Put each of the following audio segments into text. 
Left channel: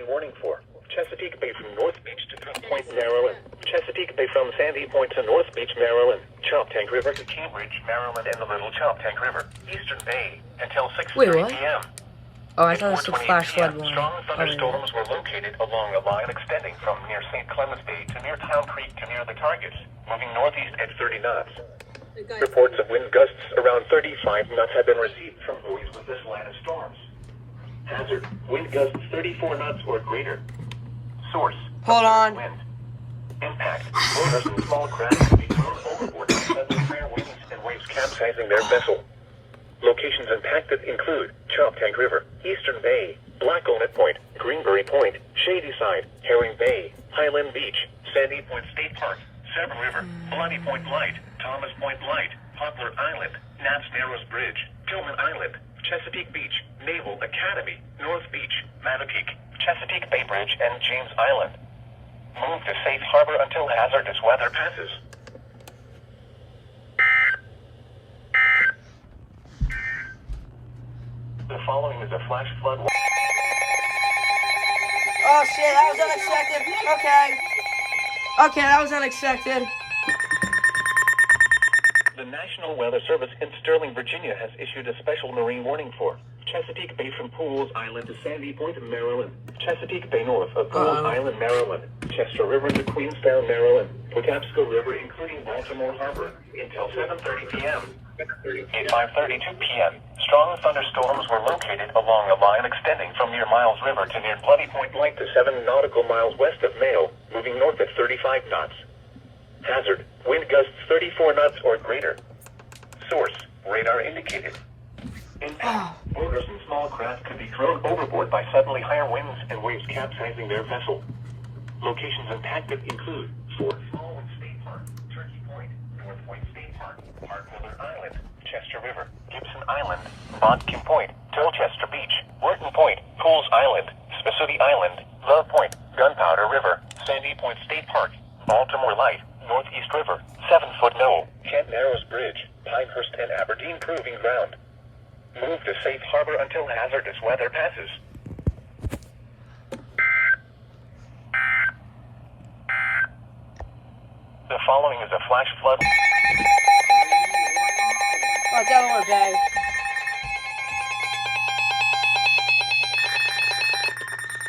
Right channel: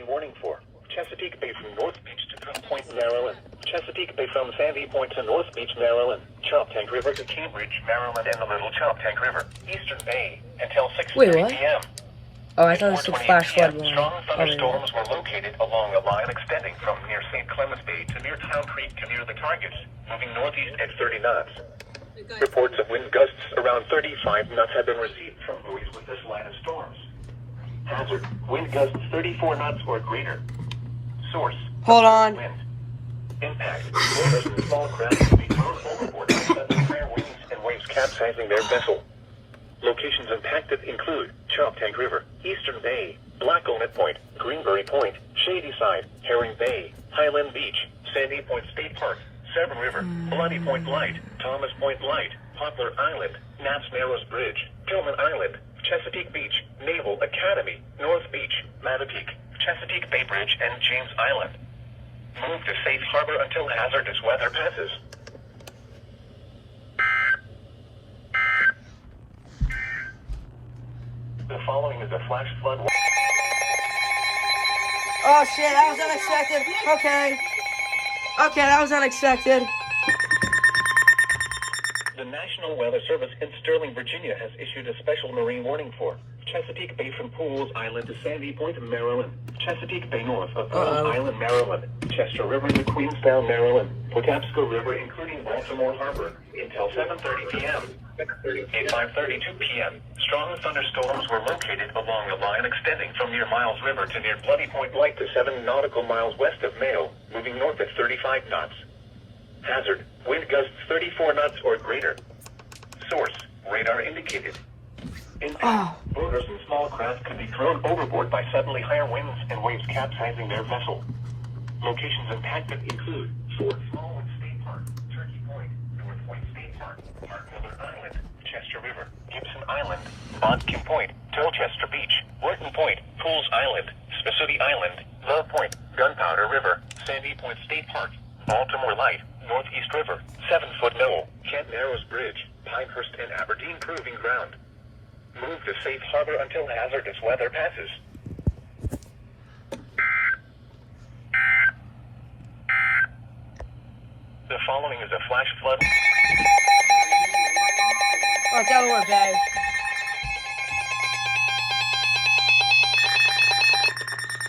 marine warning for Chesapeake Bay from North Beach to Point Maryland, Chesapeake Bay from Sandy Point to North Beach, Maryland, Choptank River to Cambridge, Maryland, and the Little Choptank River, Eastern Bay, until 6:30 p.m. Oh, I thought it was a flash flood warning. Strong thunderstorms were located along a line extending from near St. Clements Bay to near Town Creek to near the targets, moving northeast at 30 knots. Reports of wind gusts around 35 knots have been received from buoys with this line of storms. Hazard, wind gusts 34 knots or greater. Source, Hold on. wind. Impact, motors and small craft will be thrown overboard by sudden higher winds and waves capsizing their vessel. Locations impacted include Choptank River, Eastern Bay, Black Onet Point, Greenberry Point, Shady Side, Herring Bay, Highland Beach, Sandy Point State Park, Severn River, Bloody Point Light, Thomas Point Light, Poplar Island, Knapp's Narrows Bridge, Gilman Island, Chesapeake Beach, Naval Academy, North Beach, Mattapique, Chesapeake Bay Bridge, and James Island. Move to safe harbor until hazardous weather passes. The following is a flash flood. Oh shit, that was unexpected. Okay, that was unexpected. The National Weather Service in Sterling, Virginia has issued a special marine warning for Chesapeake Bay from Pools Island to Sandy Point, Maryland, Chesapeake Bay north of Pools Island, Maryland, Chester River to Queenstown, Maryland, Patapsco River including Baltimore Harbor until 7:30 p.m. 5:32 p.m. Strong thunderstorms were located along a line extending from near Miles River to near Bloody Point Light to 7 nautical miles west of Mayo, moving north at 35 knots. Hazard, wind gusts 34 knots or greater. Source, radar indicated. Boaters and small craft could be thrown overboard by suddenly higher winds and waves capsizing their vessel. Locations impacted include Fort Smallwood State Park, Turkey Point, North Point State Park, Miller Island, Chester River, Gibson Island, Bodkin Point, Tolchester Beach, Wharton Point, Pools Island, Spassuti Island, Love Point, Gunpowder River, Sandy Point State Park, Baltimore Light, Northeast River, 7-foot Knoll, Kent Narrows Bridge, Pinehurst and Aberdeen Proving Ground. Move to safe harbor until hazardous weather passes. The following is a flash flood. Oh, Delaware Bay.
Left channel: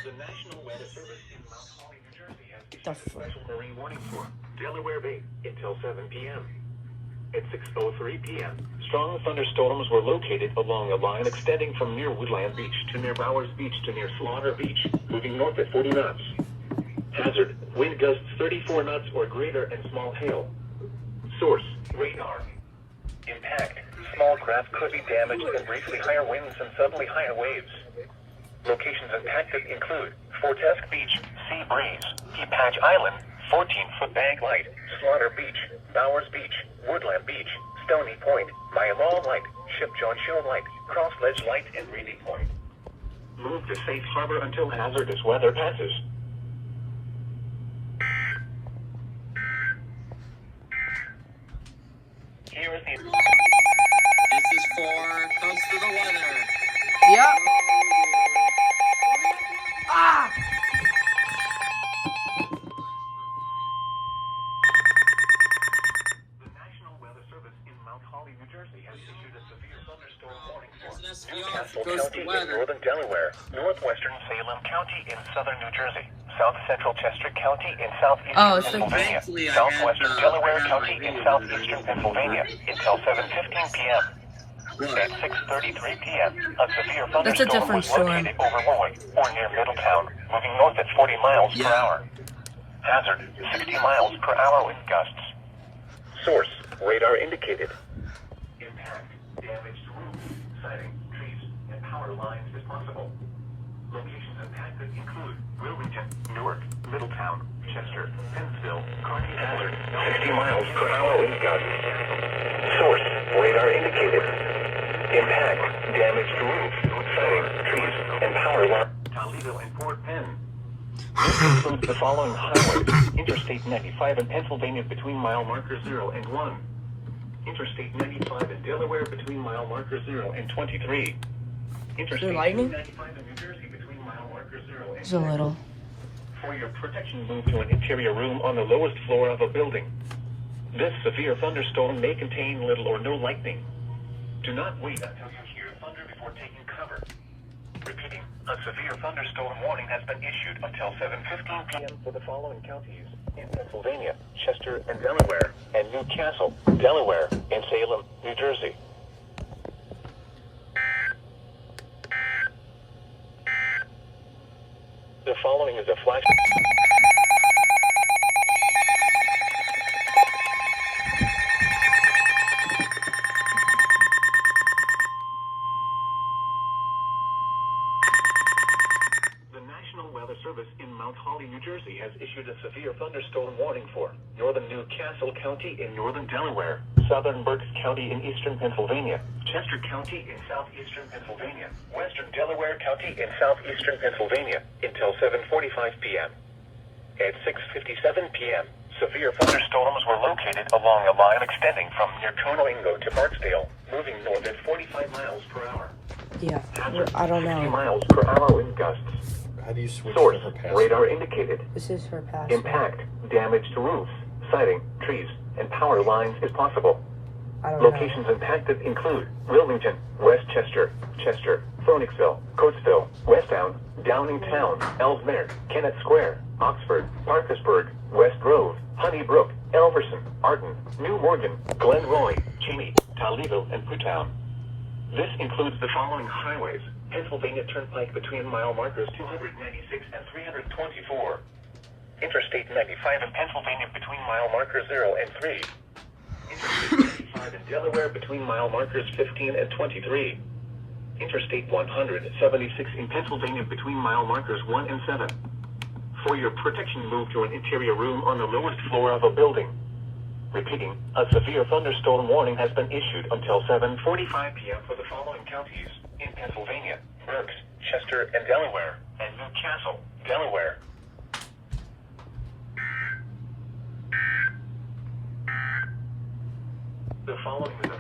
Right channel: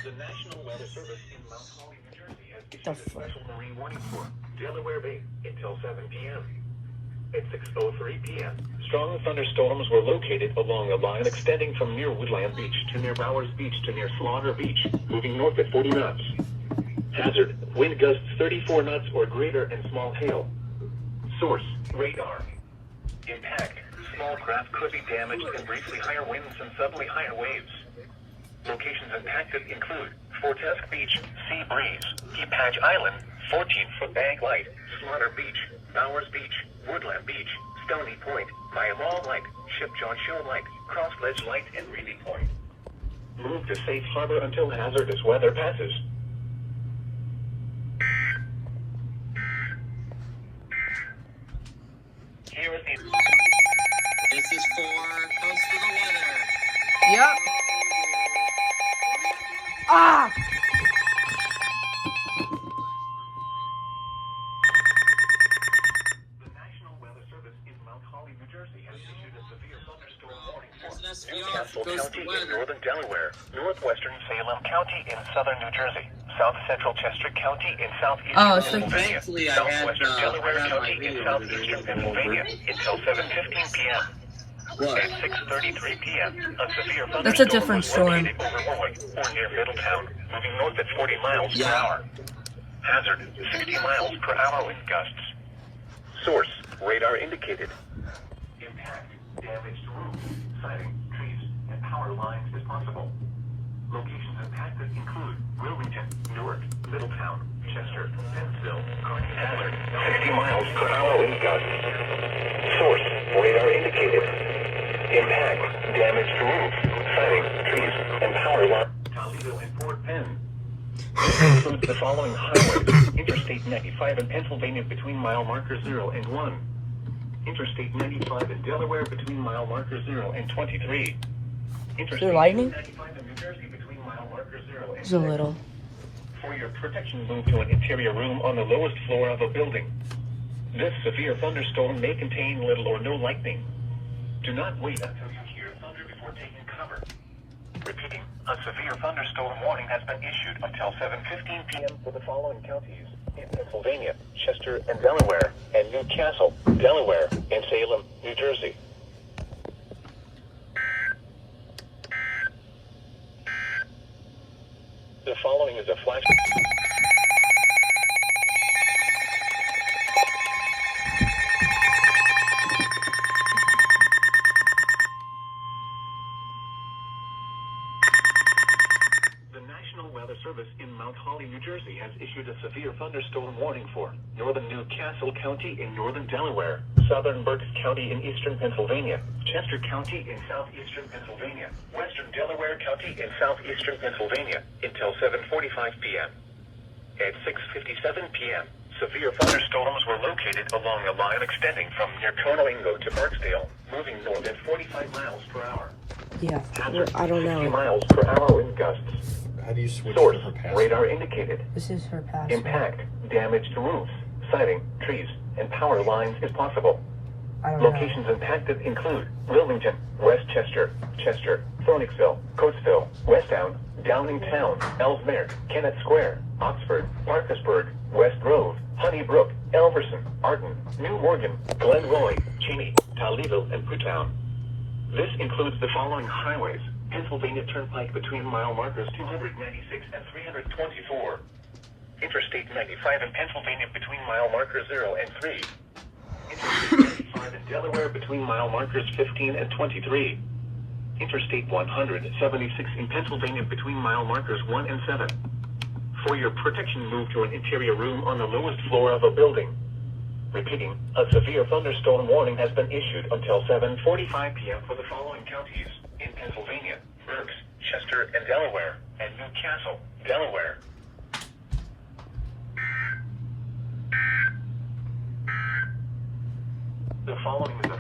The National Weather Service in Mount Holly, New Jersey has issued The a special marine warning for Delaware Bay until 7 p.m. At 6:03 p.m., strong thunderstorms were located along a line extending from near Woodland Beach to near Bowers Beach to near Slaughter Beach, moving north at 40 knots. Hazard, wind gusts 34 knots or greater and small hail. Source, radar. Impact, small craft could be damaged and briefly higher winds and suddenly higher waves. Locations impacted include Fortesk Beach, Sea Breeze, Patch Island, 14-foot Bag Light, Slaughter Beach, Bowers Beach, Woodland Beach, Stony Point, Myamal Light, Ship John Show Light, Cross Ledge Light, and Reedy Point. Move to safe harbor until hazardous weather passes. Here is the... This is for Close to the Weather. Yep. Ah! The National Weather Service in Mount Holly, New Jersey has issued a severe thunderstorm warning for There's an SVR Castle for Close to County the in Weather. northern Delaware, northwestern Salem County in southern New Jersey, south central Chester County in southeastern Oh, it's the- Pennsylvania, Thankfully, I southwestern had, Delaware I had County my in video southeastern Pennsylvania until 7:15 p.m. What? At 6:33 p.m., a severe That's a thunderstorm different was storm. located over Warwick or near Middletown, moving north at 40 miles per hour. Hazard, 60 miles per hour wind gusts. Source, radar indicated. Impact, damaged roofs, siding, trees, and power lines responsible. Locations impacted include Wilmington, Newark, Middletown, Chester, Pennsville, Hazard, 60 miles per hour wind gusts. Source, radar indicated. Impact, damaged roofs, siding, trees, and power lines. Toledo and Fort Penn. This includes the following highways: Interstate 95 in Pennsylvania between mile marker 0 and 1. Interstate 95 in Delaware between mile marker 0 and 23. Interstate lightning? 95 in New Jersey between mile marker marker 0. Just a little. For your protection, move to an interior room on the lowest floor of a building. This severe thunderstorm may contain little or no lightning. Do not wait until you hear thunder before taking cover. Repeating, a severe thunderstorm warning has been issued until 7:15 p.m. for the following counties in Pennsylvania, Chester and Delaware, and Newcastle, Delaware, and Salem, New Jersey. The following is a flash. The National Weather Service in Mount Holly, New Jersey has issued a severe thunderstorm warning for northern Newcastle County in northern Delaware, southern Berks County in eastern Pennsylvania, Chester County in southeastern Pennsylvania, western Delaware County in southeastern Pennsylvania until 7:45 p.m. At 6:57 p.m., severe thunderstorms were located along a line extending from near Tono-Ingo to Barksdale, moving north at 45 miles per hour. Yeah, I don't 60 know. miles per hour wind gusts. How do you switch Source, to the past? radar indicated. This is for password. Impact, damage to roofs, siding, trees, and power lines is possible. I don't know. Locations impacted include Wilmington, Westchester, Chester, Phoenixville, Coatesville, Westtown, Downingtown, Ellesmere, Kennett Square, Oxford, Parkersburg, West Grove, Honeybrook, Elverson, Arden, New Morgan, Glenroy, Cheney, Toledo, and Putown. This includes the following highways: Pennsylvania Turnpike between mile markers 296 and 324. Interstate 95 in Pennsylvania between mile markers 0 and 3. Interstate 95 in Delaware between mile markers 15 and 23. Interstate 176 in Pennsylvania between mile markers 1 and 7. For your protection, move to an interior room on the lowest floor of a building. Repeating, a severe thunderstorm warning has been issued until 7:45 p.m. for the following counties in Pennsylvania: Berks, Chester, and Delaware, and Newcastle, Delaware. The following is